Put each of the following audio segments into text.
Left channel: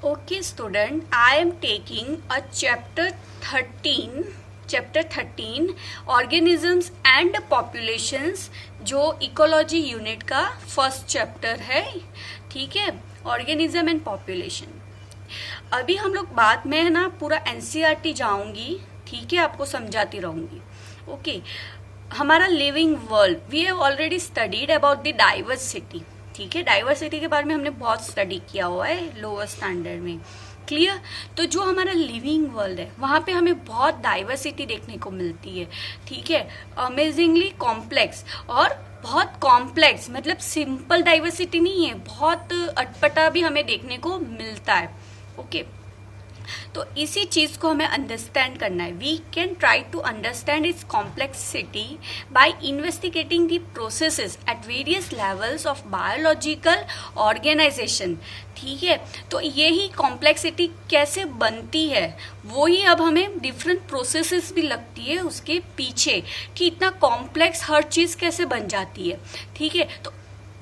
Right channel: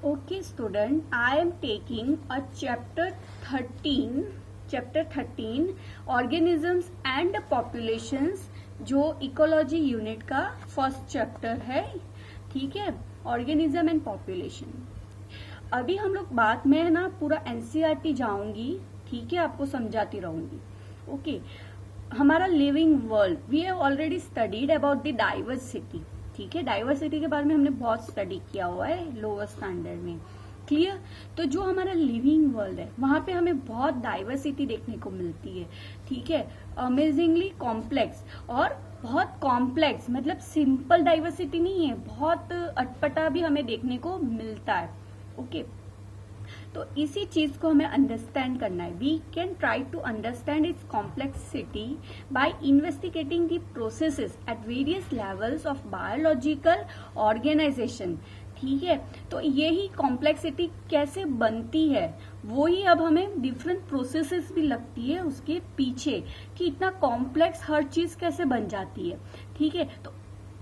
Okay, student, I am taking a chapter 13 organisms and populations, जो ecology unit का first chapter है. ठीक है, ऑर्गेनिज्म एंड पॉपुलेशन. अभी हम लोग बाद में ना पूरा एनसीईआरटी जाऊंगी. ठीक है, आपको समझाती रहूंगी. ओके, हमारा living world, we have already studied about the diversity. ठीक है, डाइवर्सिटी के बारे में हमने बहुत स्टडी किया हुआ है लोअर स्टैंडर्ड में. क्लियर. तो जो हमारा लिविंग वर्ल्ड है वहाँ पे हमें बहुत डाइवर्सिटी देखने को मिलती है. ठीक है, अमेजिंगली कॉम्प्लेक्स. और बहुत कॉम्प्लेक्स मतलब सिंपल डाइवर्सिटी नहीं है, बहुत अटपटा भी हमें देखने को मिलता है. ओके, तो इसी चीज को हमें अंडरस्टैंड करना है. We can try to understand its complexity by investigating the processes at various levels of biological organization. ठीक है, तो यही कॉम्प्लेक्सिटी कैसे बनती है वो ही अब हमें डिफरेंट प्रोसेसेस भी लगती है उसके पीछे, कि इतना कॉम्प्लेक्स हर चीज कैसे बन जाती है. ठीक है, तो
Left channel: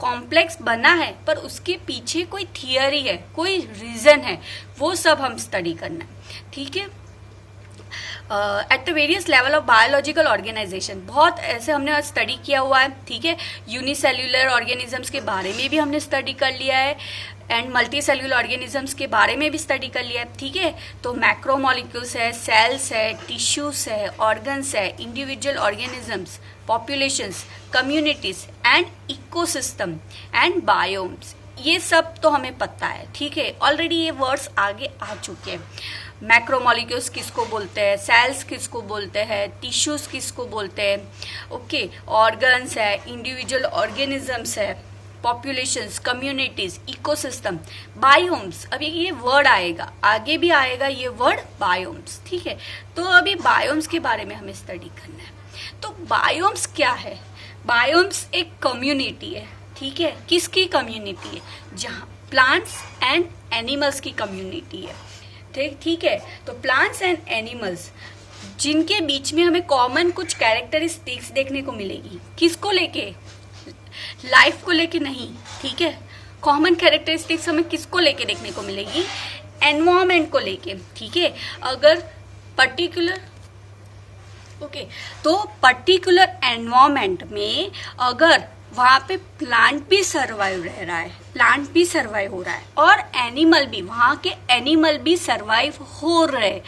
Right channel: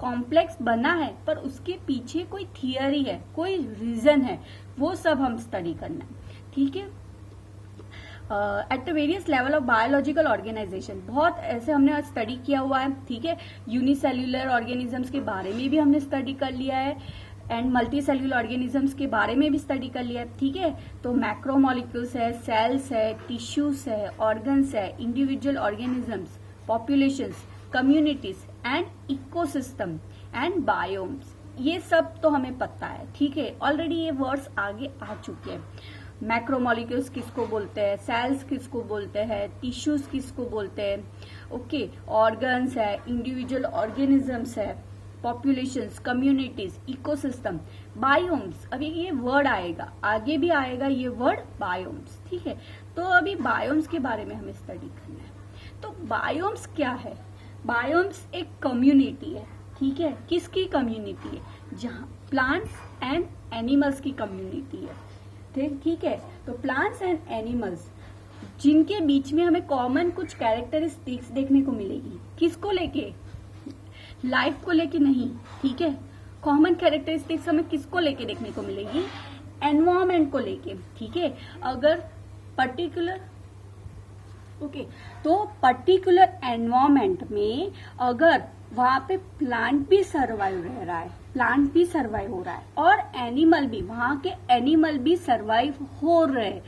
कॉम्प्लेक्स बना है पर उसके पीछे कोई थियरी है, कोई रीजन है, वो सब हम स्टडी करना है. ठीक है, at the various level of biological organization बहुत ऐसे हमने स्टडी किया हुआ है. ठीक है, यूनिसेल्यूलर ऑर्गेनिजम्स के बारे में भी हमने स्टडी कर लिया है एंड मल्टी सेल्यूलर ऑर्गेनिजम्स के बारे में भी स्टडी कर लिया है. ठीक है, तो मैक्रोमोलिक्यूल्स है, सेल्स है, टिश्यूज है, ऑर्गन्स है, individual organisms, populations, communities and ecosystem and biomes, ये सब तो हमें पता है. ठीक है, ऑलरेडी ये वर्ड्स आगे आ चुके हैं. मैक्रोमोलिक्यूल्स किसको बोलते हैं, सेल्स किसको बोलते हैं, टिश्यूज किसको बोलते हैं. ओके, ऑर्गन्स है, इंडिविजुअल ऑर्गेनिजम्स है, पॉपुलेशंस, कम्युनिटीज, इकोसिस्टम, बायोम्स. अभी ये वर्ड आएगा, आगे भी आएगा ये वर्ड बायोम्स. ठीक है, तो अभी बायोम्स के बारे में हमें स्टडी करना है. तो बायोम्स क्या है? बायोम्स एक कम्युनिटी है. ठीक है, किसकी कम्युनिटी है? जहाँ प्लांट्स एंड एनिमल्स की कम्युनिटी है. ठीक है, तो प्लांट्स एंड एनिमल्स जिनके बीच में हमें कॉमन कुछ कैरेक्टरिस्टिक्स देखने को मिलेगी. किसको लेके? लाइफ को लेके नहीं. ठीक है, कॉमन कैरेक्टरिस्टिक्स हमें किसको लेके देखने को मिलेगी? एनवायरमेंट को लेके. ठीक है, अगर पर्टिकुलर तो पर्टिकुलर एनवायरमेंट में अगर वहाँ पे प्लांट भी सर्वाइव रह रहा है, प्लांट भी सर्वाइव हो रहा है और एनिमल भी, वहाँ के एनिमल भी सर्वाइव हो रहे.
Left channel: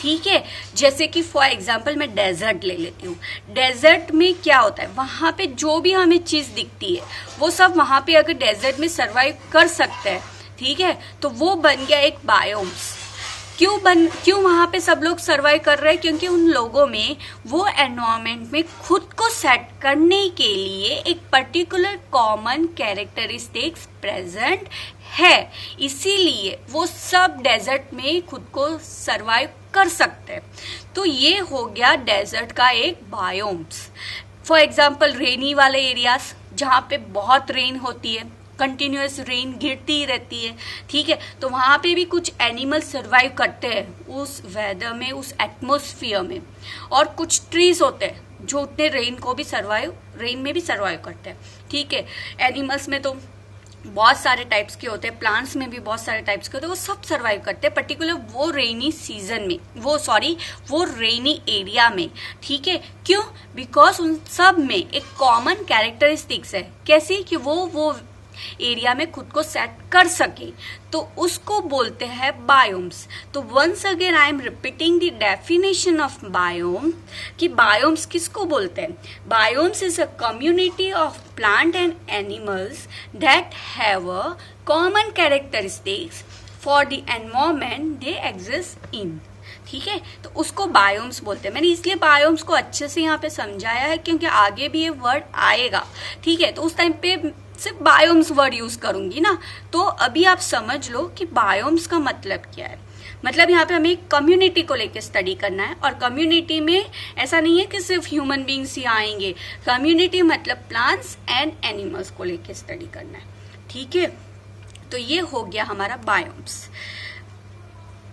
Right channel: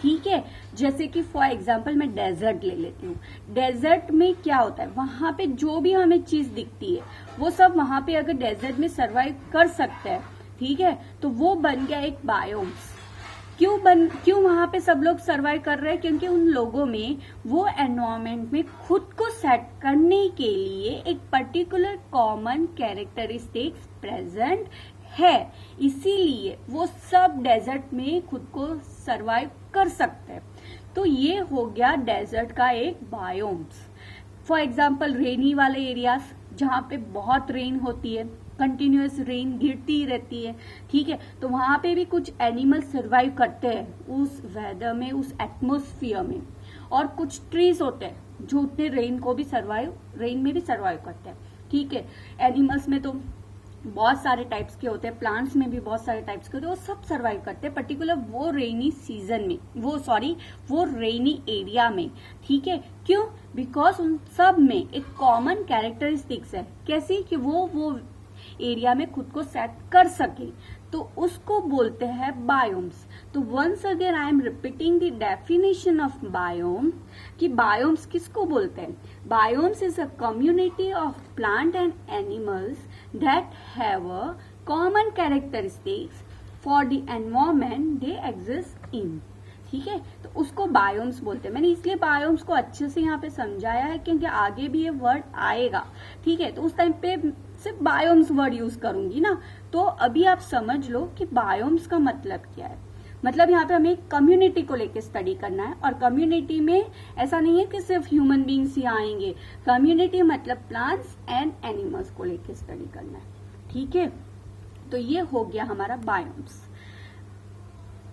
ठीक है, जैसे कि फॉर एग्जांपल मैं डेजर्ट ले लेती हूँ. डेजर्ट में क्या होता है, वहाँ पे जो भी हमें चीज़ दिखती है वो सब वहाँ पे अगर डेजर्ट में सर्वाइव कर सकते हैं. ठीक है, तो वो बन गया एक बायोम्स. क्यों वहाँ पे सब लोग सर्वाइव कर रहे हैं? क्योंकि उन लोगों में वो एनवायरनमेंट में खुद को सेट करने के लिए एक पर्टिकुलर कॉमन कैरेक्टरिस्टिक्स प्रेजेंट है, इसीलिए वो सब डेजर्ट में खुद को सर्वाइव कर सकते हैं. तो ये हो गया डेजर्ट का एक बायोम्स. फॉर एग्जाम्पल रेनी वाले एरियाज जहाँ पे बहुत रेन होती है, कंटिन्यूस रेन गिरती ही रहती है. ठीक है, तो वहाँ पे भी कुछ एनिमल सर्वाइव करते हैं उस वेदर में, उस एटमोसफियर में. और कुछ ट्रीज होते हैं जो उतने रेन में भी सर्वाइव करते हैं. ठीक है, एनिमल्स में तो बहुत सारे टाइप्स के होते हैं, प्लांट्स में भी बहुत सारे टाइप्स के होते हैं, वो सब सर्वाइव करते हैं पर्टिकुलर वो रेनी सीजन में, वो रेनी एरिया में. ठीक है, क्यों? बिकॉज उन सब में एक कॉमन कैरेक्टरिस्टिक्स है. कैसी? कि वो एरिया में खुद को सेट कर सके, तो उसको बोलते हैं बायोम्स. तो once again I am repeating the definition of biome, कि बायोम्स किसको बोलते हैं? Biomes is a community of plant and animals that have a common characteristics for the environment they exist in. ठीक है, तो उसको बायोम्स बोलते हैं. मैंने इसलिए बायोम्स को अच्छे से यहाँ पे समझाया है क्योंकि आगे भी ये वर्ड आएगा. ठीक है, तो उस टाइम पे सिर्फ बायोम्स वर्ड यूज करूंगी ना. तो अभी आप समझ लो कि बायोम्स का मतलब क्या है. मतलब यहाँ पे हमें एक कम्युनिटी को लेके स्टडी करना है, और कम्युनिटी में ऐसा नहीं है कि सिर्फ ह्यूमन बींग्स ही आएंगे. कम्युनिटी मतलब प्लांट्स एंड एनिमल्स को लेके स्टडी करना है. ठीक है, तो ये हो गया हमारा biomes.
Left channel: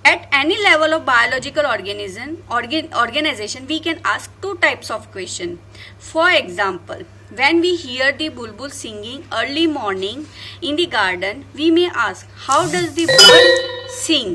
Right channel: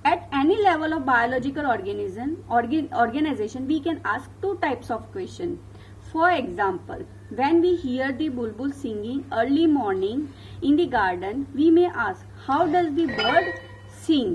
At any level of biological organization, we can ask two types of question. For example, when we hear the bulbul singing early morning in the garden, we may ask, how does the bird sing,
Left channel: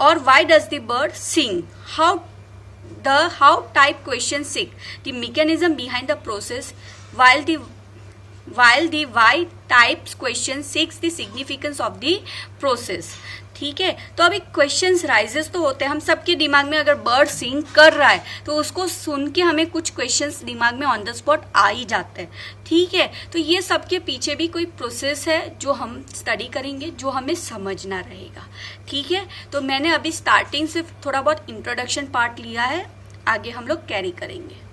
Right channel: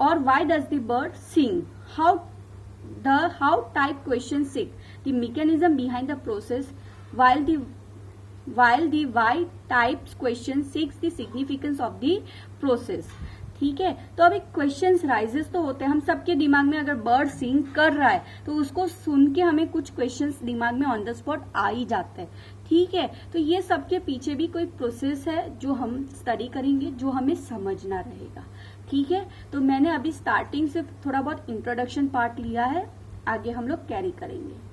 or why does the bird sing? How type question seek the mechanism behind the process, while the why type question seeks the significance of the process. ठीक है, तो अभी questions rises तो होते हैं हम सबके दिमाग में. अगर बर्ड सिंग कर रहा है तो उसको सुन के हमें कुछ क्वेश्चंस दिमाग में ऑन द स्पॉट आ ही जाते हैं. ठीक है, तो ये सबके पीछे भी कोई प्रोसेस है जो हम स्टडी करेंगे, जो हमें समझना रहेगा. ठीक है, तो मैंने अभी स्टार्टिंग से थोड़ा बहुत इंट्रोडक्शन पार्ट लिया है, आगे हम लोग कैरी करेंगे.